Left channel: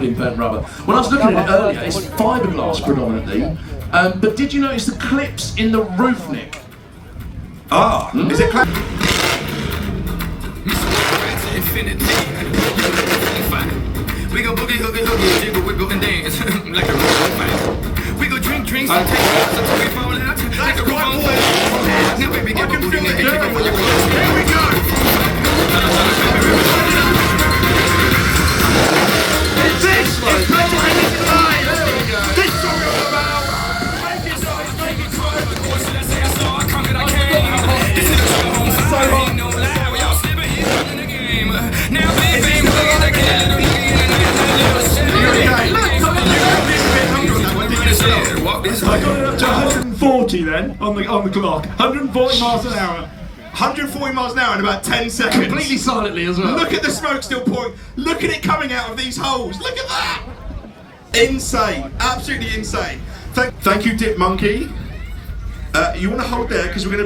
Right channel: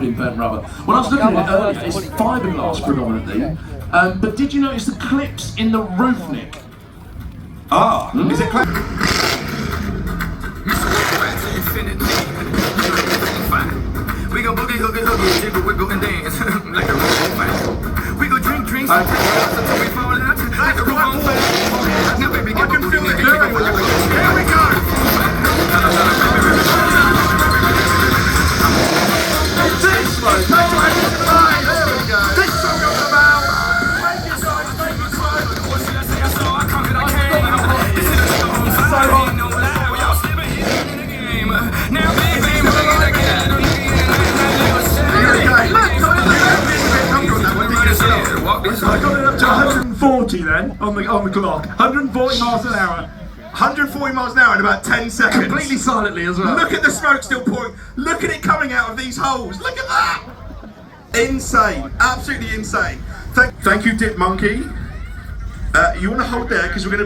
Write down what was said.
burnt rubber. When I was looking at it earlier, it's fiberglass predominantly, but did you notice the clips in the roof neck? Ah, is it clear? We go boogie, hoogie, hoogie, jiggle, wiggle, and dance like a road. We go drink drinks and take shots until we fall out like a road. Now baby, get my booty in the air. Here we go. This is the life. This song is about make it start, make it grow. I saw I come it on hand. This is so hot. No lie, we all sleeping here in the game. Now baby, we're again. I got it up to 140 then on the clock. 140 miles an hour. 140 miles an hour in about 10 seconds. Completely silently as well. Look at the smoke still pouring. Look at it coming out of these holes. Look at that. Insane. Absolutely insane. Thank you, Dip Monkey. You want to hold there because we're going to